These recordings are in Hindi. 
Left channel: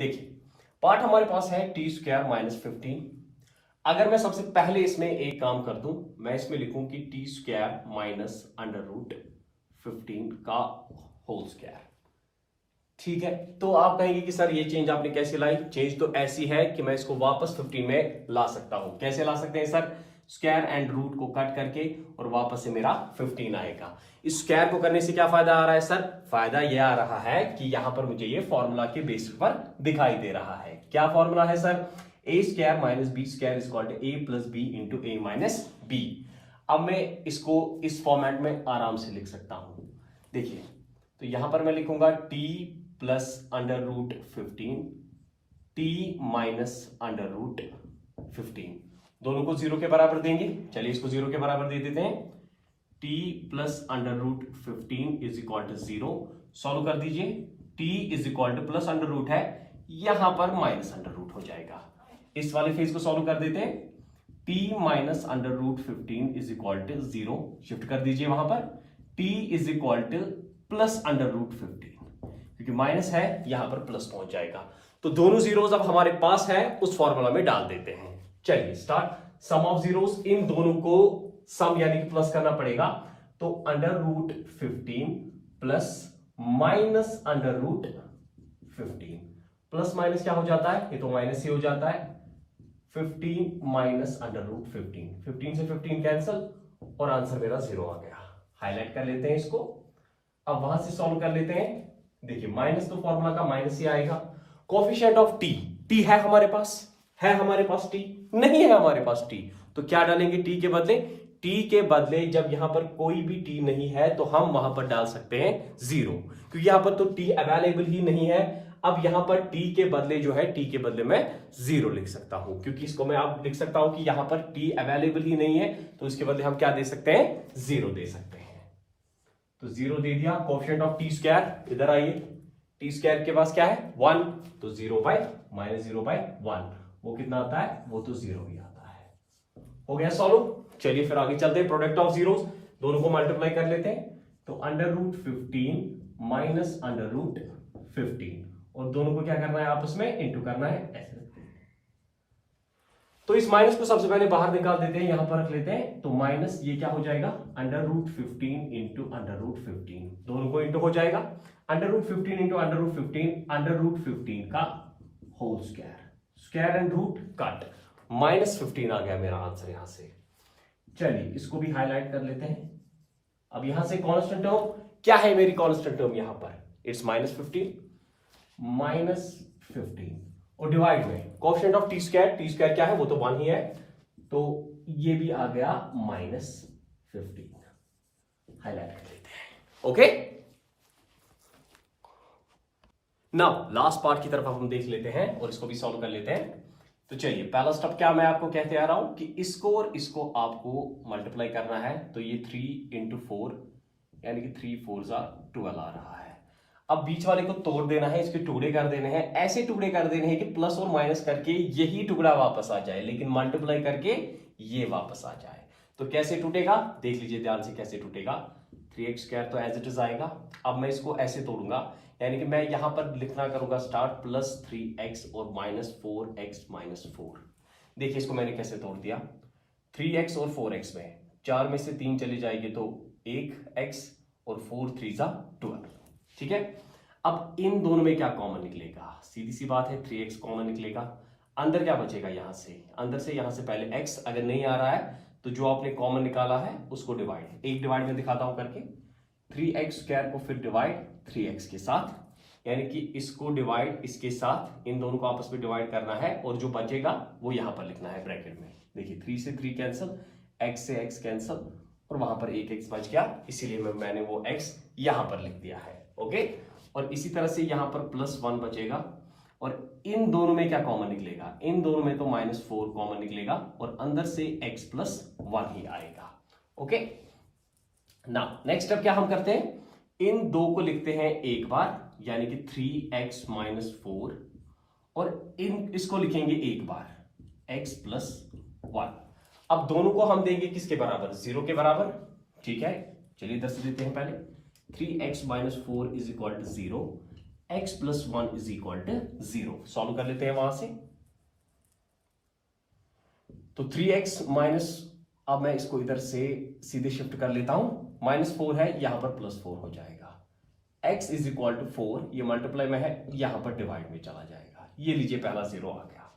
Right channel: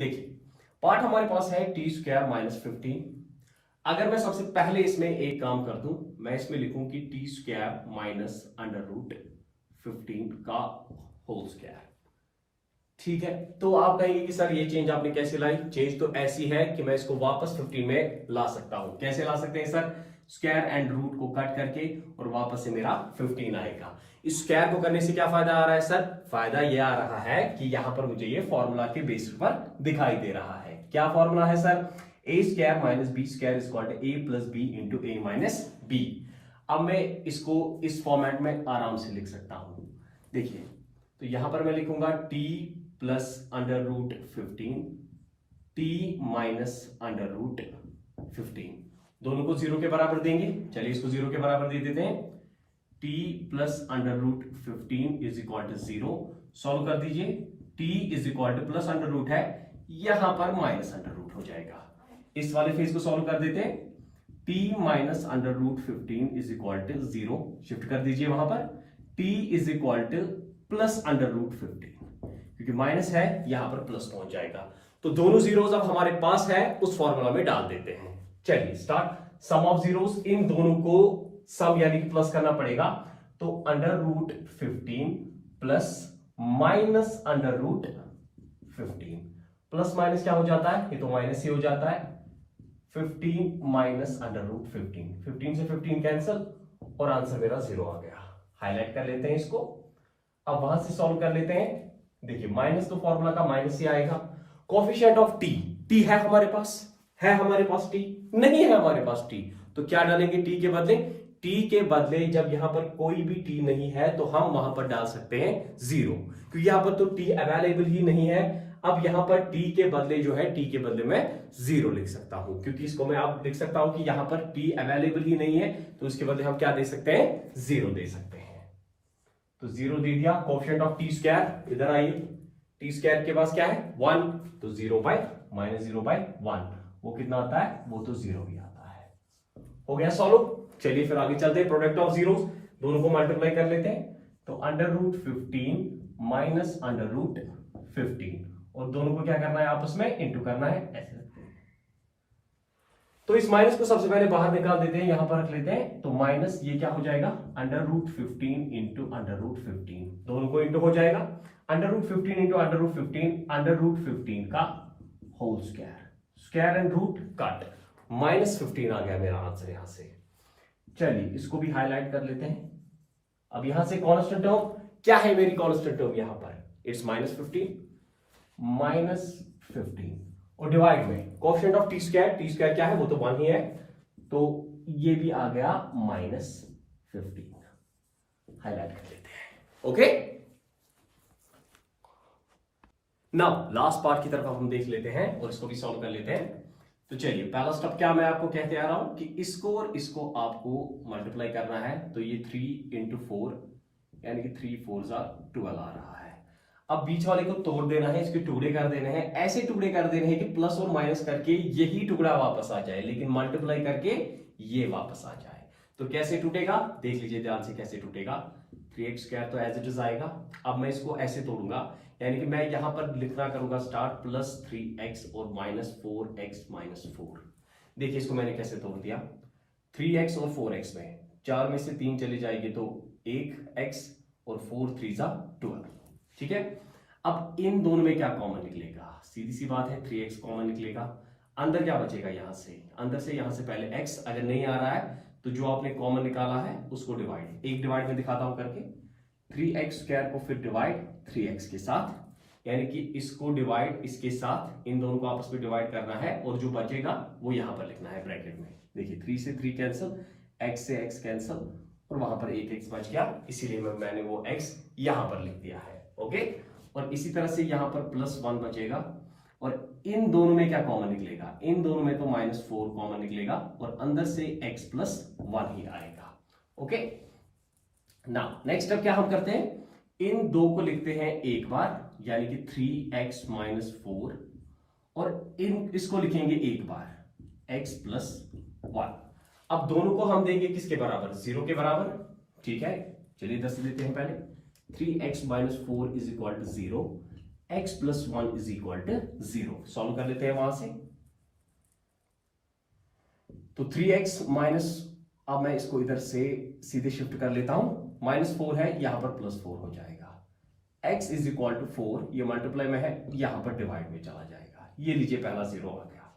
देखिए पार्ट हमारे पास है टी स्क्वायर माइनस 15। अगर मैं सबसे पहले इसमें एक काम कर दूं, मैं इसमें लिखूं कि T square minus under root 15 का होल स्क्वायर। ठीक है, तो आप कहेंगे कि सर ये चेंज आपने कैसे लाई? चेंज तो ऐसी है कि मैं इसको वापस 15 में ला सकता हूं। कैसे ला सकते हैं सर? स्क्वायर एंड रूट को कट करके और वापस से मेरा 15 आएगा। इस स्क्वायर को करने से क्या फायदा आ रहा है सर? फायदा ये आ रहा है कि यहां पर मुझे ये फॉर्मूला के बेसिस पर दिखाई दे रहा है। क्या फॉर्मूला है sir? A square minus b square is equal to a plus b into a minus b. अब मैं इसको इस फॉर्मेट में आराम से लिख सकता हूं। देखिए, तो यहां पर मैं लिखूंगा T plus under root 15 T minus under root 15, दोनों को जीरो के बराबर देंगे। चलिए इसको जीरो के बराबर दे देते हैं। T plus under root 15 is equal to zero. Solve कर दीजिए। T is equal to plus under root है, यहां पर माइनस अंडर रूट हो जाएगा। इस वाले फेज को सॉल्व कर देते हैं। T minus under root 15 is equal to zero, shift कर दीजिए वहां पर। T is equal to plus under root 15, क्योंकि माइनस है यहां पर प्लस पहुंच जाएगा। तो दोनों जीरोस अब हमारे पास है, उस फॉर्मूला में डाल देते हैं। चलिए स्टार्ट। सम ऑफ जीरोस, इन दोनों को सम यानी कि प्लस करना पड़ेगा। तो under root 15 plus minus under root 15, plus minus क्या हो जाता है? ये तो माइनस ही हो जाता है। 15 माइनस अंडर रूट 15, 15 से 15 कैंसिल और आंसर मेरा जीरो आ गया। हाईलाइट कर लेते हैं इसको। अब वहां से सॉल्व कर लेते हैं। देखिए माइनस तो फॉर्मूला का माइनस ही आएगा। कोफिशिएंट ऑफ टी, टी है हमारे पास? है हमारे पास टी? नहीं है हमारे पास टी। तो क्या डालेंगे टी के बदले? टी के बदले जब यहां पर कोई भी टी नहीं है तो हम वहां पर डाल सकते हैं जीरो, क्योंकि यहां पर तो टी अवेलेबल ही नहीं है। अब यहां पर टी के बदले जो है, टी के बदले मैं जीरो लिख सकता हूं, क्योंकि इसको मैं आप लिख सकता हूं कि यहां पर टी अवेलेबल ही नहीं है, तो इसके बदले हम क्या दे सकते हैं? जीरो दे सकते हैं। तो जीरो दे दिया। कोफिशिएंट ऑफ टी स्क्वायर, इधर आइए। टी स्क्वायर के पास क्या है? 1, तो 0 बाई माइनस 0 बाई 1, वो कितना आता है? वो तो जीरो ही आता है। हो गया सॉल्व। चलिए फिर आगे चलते हैं। प्रोडक्ट ऑफ जीरोस, दोनों को मल्टीप्लाई कर लेते हैं। तो under root 15 minus under root 15, और दोनों को क्या करना है? आपस में इंटू करना है। ऐसे रखते हैं। तो इस माइनस को सबसे पहले बाहर निकाल देते हैं, यहां पर रख लेते हैं। तो माइनस ये क्या हो जाएगा? Under root 15 into under root 15, दोनों को इंटू हो जाएगा। Under root 15 into under root 15, under root 15 का whole square, square and root cut, minus 15 आ गया मेरा आंसर यहां से। चलिए इसको भी हाईलाइट कर लेते हैं। अब यहां से कांस्टेंट टर्म क्या है? मेरी कांस्टेंट टर्म यहां पर इट्स माइनस 15 और डिवाइड में coefficient of T square, T square क्या है? वो तो 1 ही है, तो ये भी आ गया माइनस 15। हाईलाइट कर लेते हैं। ओके, नाउ लास्ट पार्ट की तरफ हम देख लेते हैं और इसको भी सॉल्व कर लेते हैं। तो चलिए पहला स्टेप क्या मैं आपको कहते आ रहा हूं कि इसको और इसको आपको मल्टीप्लाई करना है। तो ये 3 इंटू 4 यानी कि 3 4 12 आ रहा है। अब बीच वाले को तोड़ देना है, इसके टुकड़े कर देने हैं। ऐसे टुकड़े कर देने हैं कि प्लस और माइनस करके यही टुकड़ा वापस आ जाए, लेकिन मल्टीप्लाई करके ये वापस आ जाए। तो कैसे टूटेगा? देख लीजिए ध्यान से कैसे टूटेगा। 3x स्क्वायर तो एज इट इज आएगा। अब मैं इसको ऐसे तोड़ूंगा, यानी कि मैं यहां पर लिखना करूंगा स्टार्ट प्लस 3x और माइनस 4x माइनस 4। देखिए इसको मैंने कैसे तोड़ दिया। 3x और 4x में 4 में से 3 चली जाएगी तो 1x और 4 3 12। ठीक है, अब इन दोनों में क्या कॉमन निकलेगा? सीधी सी बात है, 3x कॉमन निकलेगा। अंदर क्या बचेगा? यहां से अंदर से यहां से पहले x अगर नहीं आ रहा है तो जो आपने कॉमन निकाला है उसको डिवाइड, एक डिवाइड में दिखाता हूं करके। 3x स्क्वायर को फिर डिवाइड 3x के साथ, यानी कि इसको डिवाइड इसके साथ, इन दोनों को आपस में डिवाइड करना है और जो बचेगा वो यहां पर लिखना है ब्रैकेट में। देखिए 3 से 3 कैंसिल, x से x कैंसिल और वहां पर एक x बच गया, इसीलिए मैंने वो x यहां पर लिख दिया है। ओके, और इसी तरह से यहां पर +1 बचेगा और इन दोनों में क्या कॉमन निकलेगा? इन दोनों में तो -4 कॉमन निकलेगा और अंदर से x + 1 ही आएगा। ओके, नाउ नेक्स्ट स्टेप क्या हम करते हैं? इन दो को लिखते हैं एक बार, यानी कि 3x - 4, और इसको लिखेंगे एक बार x + 1। अब दोनों को हम देंगे किसके बराबर? 0 के बराबर। ठीक है, चलिए इधर से देते हैं पहले। 3x - 4 = 0, x plus 1 is equal to 0। Solve कर लेते हैं वहां से। तो 3x माइनस, अब मैं इसको इधर से सीधे शिफ्ट कर लेता हूं, -4 है, यहां पर +4 हो जाएगा। x इज इक्वल टू 4, ये मल्टीप्लाई में है, यहां पर डिवाइड में चला जाएगा। ये लीजिए पहला 0 आ गया।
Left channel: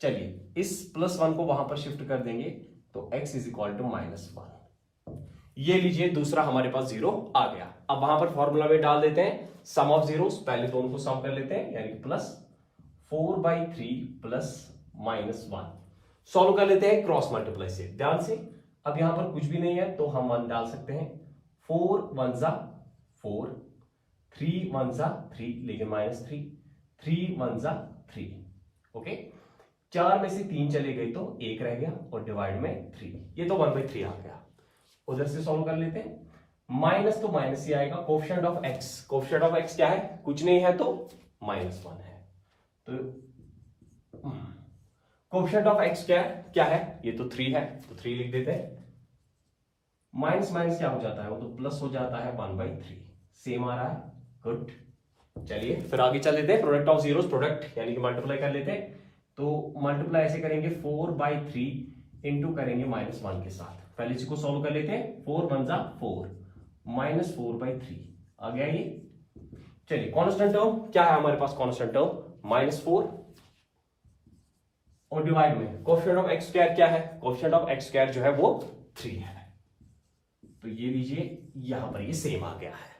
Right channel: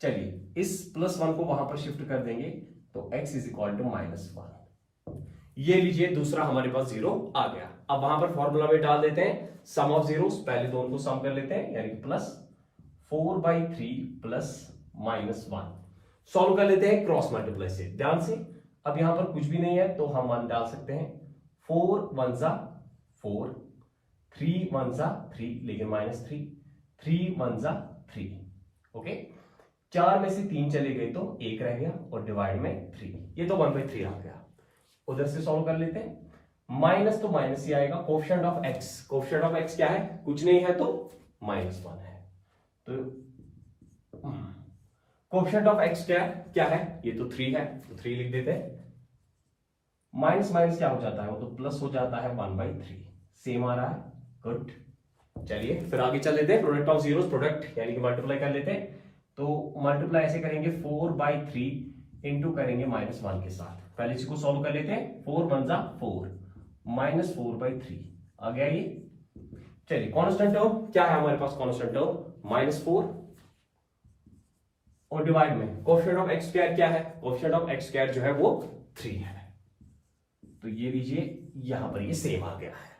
चलिए इस +1 को वहां पर शिफ्ट कर देंगे तो x इज इक्वल टू -1। ये लीजिए दूसरा हमारे पास 0 आ गया। अब वहां पर फॉर्मूला में डाल देते हैं सम ऑफ जीरोस, पहले दोनों को सम कर लेते हैं, यानी कि +4/3 प्लस -1। सॉल्व कर लेते हैं क्रॉस मल्टीप्लाई से, ध्यान से। अब यहां पर कुछ भी नहीं है तो हम 1 डाल सकते हैं। 4 1 जा 4, 3 1 जा 3, लेकिन -3, 3 1 जा 3। ओके, 4 में से 3 चले गए तो 1 रह गया और डिवाइड में 3, ये तो 1/3 आ गया। उधर से सॉल्व कर लेते हैं। माइनस तो माइनस ही आएगा। Coefficient of x, coefficient of x क्या है, कुछ नहीं है तो -1 है। तो कोफिशिएंट ऑफ x क्या है, ये तो 3 है, तो 3 लिख देते हैं। माइनस माइनस क्या हो जाता है, वो तो प्लस हो जाता है 1/3। सेम आ रहा है, गुड। चलिए फिर आगे चल लेते हैं। प्रोडक्ट ऑफ जीरोस, प्रोडक्ट यानी कि मल्टीप्लाई कर लेते हैं। तो मल्टीप्लाई ऐसे करेंगे 4/3 इंटू करेंगे -1 के साथ। पहले इसको सॉल्व कर लेते हैं। 4 1 जा 4, -4/3 आ गया ये। चलिए कांस्टेंट टर्म क्या है हमारे पास, कांस्टेंट टर्म -4 और डिवाइड में कोफिशिएंट ऑफ x स्क्वायर क्या है, कोफिशिएंट ऑफ x स्क्वायर जो है वो 3 है। तो ये लीजिए यहां पर ये सेम आ गया है।